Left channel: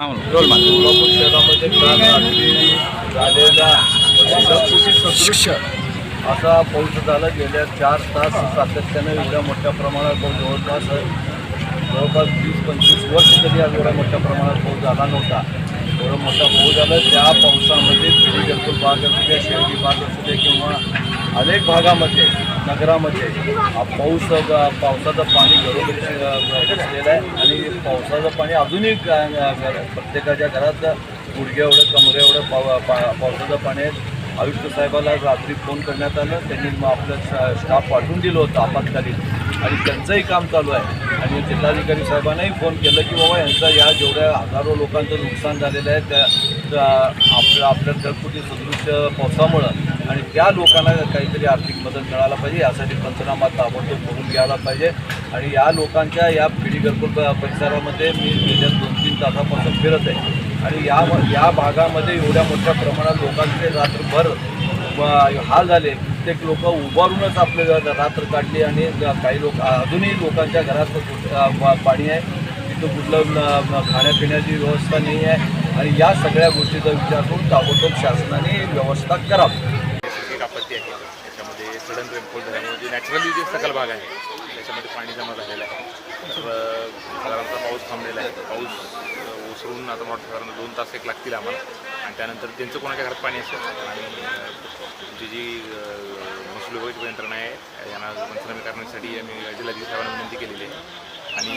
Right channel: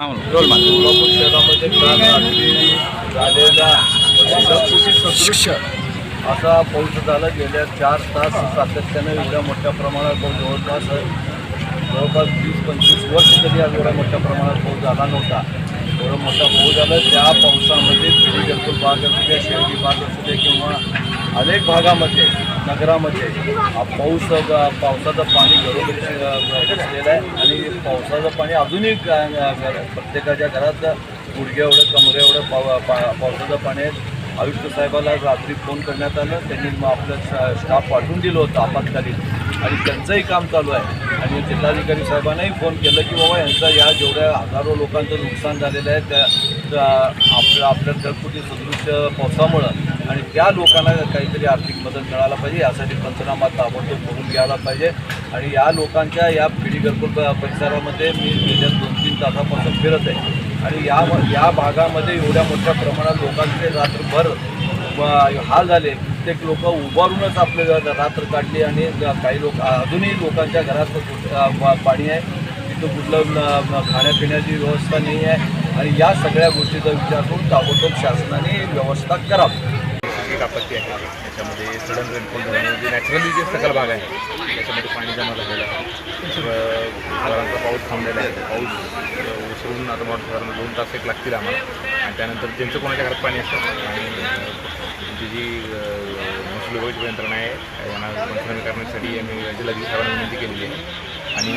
हां रोल मार. सोलापूर शहरामध्ये काल रात्री झालेला ढगफुटी सदृश असा पाऊस झाला. गेल्या 4 तास सातत्यानं एवढ्या मोठ्या प्रमाणात पाऊस जवळपास 20-25 वर्ष तरी आज एवढ्या मोठ्या प्रमाणात पाऊस झाला नव्हता. एवढा मोठा पाऊस झाला. त्या पावसामध्ये पिढी घरकुल भाग असू द्या, शहरी भाग असू द्या किंवा अनेक भागामध्ये नगरामध्ये पावसाचं पाणी घरोघरी घुसलेलं आहे आणि पावसाचं पाणी अजूनही प्रत्येकाच्या घरात गुडघ्या एवढं कमरे एवढं पावसाचं पाणी आहे. आयुक्त साहेबाला रात्री फोन करण्यात आलं. त्यांनी आपलं स्टाफ पाठवून दिलं होतं आपत्कालीन आणि त्यांचंही काम चालू आहे. आणि जिल्हाधिकारी साहेबांनाही फोन केलं की बाबा यांचा या जेवढ्या हजारो लोकांचं नुकसान झालेलं आहे त्या आपल्या ढगफुटी सदृश पावसामुळं आणि त्या लोकांना काहीतरी आर्थिक मदत मिळायला पाहिजे. यासाठी पंचनामा ताबडतोब करून घ्यायला पाहिजे. आणि या लोकांच्या या पिढी घरकुल परिसरामध्ये मी गेल्या 2-3 तासापासून फिरत आहे आणि या भागामध्ये एवढ्या मोठ्या प्रमाणात लोकांचे रात्रभर हाल झाले. प्रत्येक लोक उभारूनच आपले रात्र काढली आणि काही लोक अजूनही लोकांच्या घरात पाणी आहे. तिथं कुठलं खाण्यापिण्याची व्यवस्था नाही आहे आणि या सगळ्या गोष्टीचा विचार करून ताबडतोब शासनाने व्यवस्था करावी. आपत्ती आहे त्याच्यामध्ये सडन रेनफॉल झाल्यामध्ये नॅचरली जे सकल भाग आहे त्याच्यामध्ये पाणी जमा झालेलं आहे. साधारणतः पाऊस थांबलेला आहे. पाऊस उसळून आता साधारण 2 तास एक लागतील आम्हाला. त्यानंतर त्यांचं कोणाच्या घरात पाणी असतं आणि त्यांची जी मुसलोबाची यंत्रणा आहे पंचनामे करण्यासाठी आम्ही जिल्हाधिकारी साहेबांना विनंती केलेली आहे. आणि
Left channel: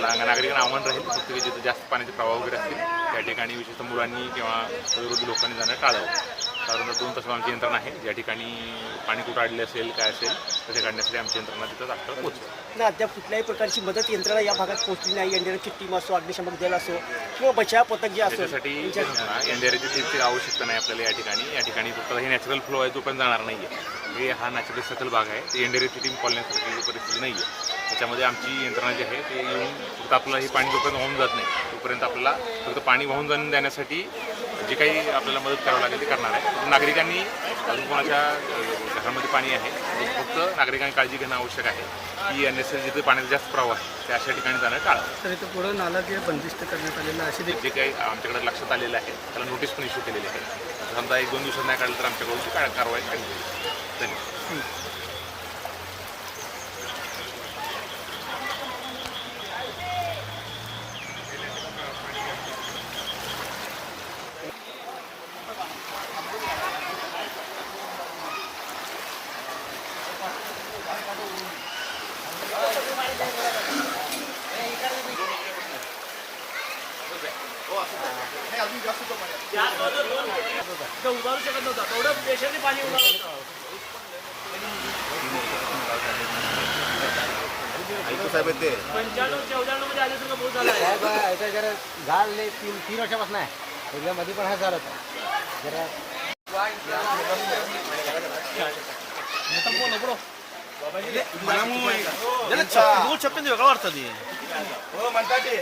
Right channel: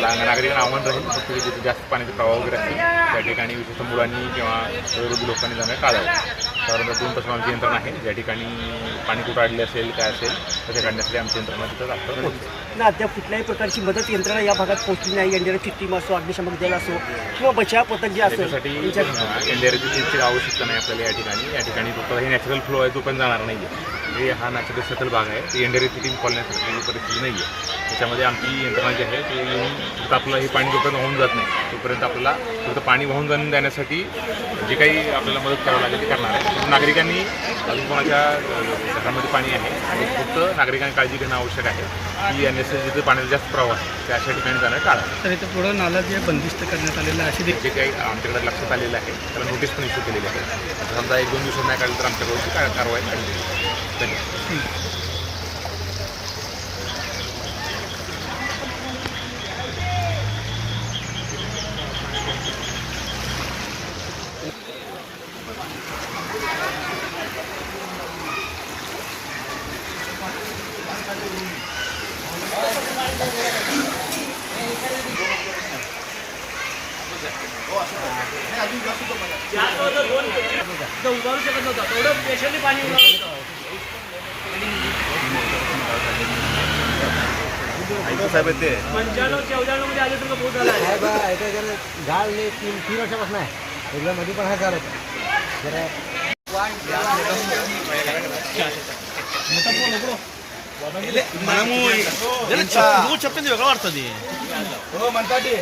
नागरिकांना आव्हान राहील फक्त जिथे जास्त पाण्याचे प्रवाह वगैरे असतील त्या ठिकाणी विशेषतः मुलांनी किंवा वयोवृद्ध लोकांनी जाणं टाळावं. साधारण 2 तास आमची यंत्रणा आहे. ज्या ठिकाणी पाणी कुठं अडले असेल काय असेल त्याच्या काढण्यासाठी आमची यंत्रणा तिथं दाखवत पोहोचते. अद्याप कुठल्याही प्रकारची मदत यंत्रणा या भागात पोहोचली नाही. एनडीआरएफची टीम असो, अग्निशमक दल असो किंवा बचाव पथक जे असो त्याच्यासाठी एनडीआरएफची टीमची आवश्यकता नाही आपल्याला. या ठिकाणी फक्त हे नॅचरल फ्लो आहे तो पण जाणार नाही आहे. हे हा नॅचरल सकल भाग आहे. ती एनडीआरएफची टीम कॉलण्यासाठी परिस्थिती नाही आहे. त्याच्यामध्ये आमची यंत्रणा जी आहे ते येऊन फक्त आपलं हे पाणी जोपर्यंत वाहून जात नाही तोपर्यंत आपल्याला फक्त पाणी वाहून जाऊन देण्यासाठी जे काही आपल्याला मदत करावं लागेल ते करणार आहे. नागरिकांनी अजून कोणाच्या घरामध्ये पाणी आहे आणि फक्त नागरिकांनी काळजी घेणं आवश्यक आहे की अन्यथा जिथे पाण्याचा जास्त प्रवाह त्याच्या ठिकाणी जाणं टाळा. तर इथं पुढं नाला जे बंदिस्त करण्यात आलेलं आहे असे जे काही आमच्याकडे लक्षात आलेलं आहे त्याला नोटीस पण इश्यू केलेली आहे. समजा 1-2 दिवसात नाही काढलं तर आमच्याकडून कारवाई केली. धन्यवाद. साहेब ते 3 वर्षापासून आहे. मध्ये पण हा चालत वेगळं वाटतं ते हो म्हणतात ते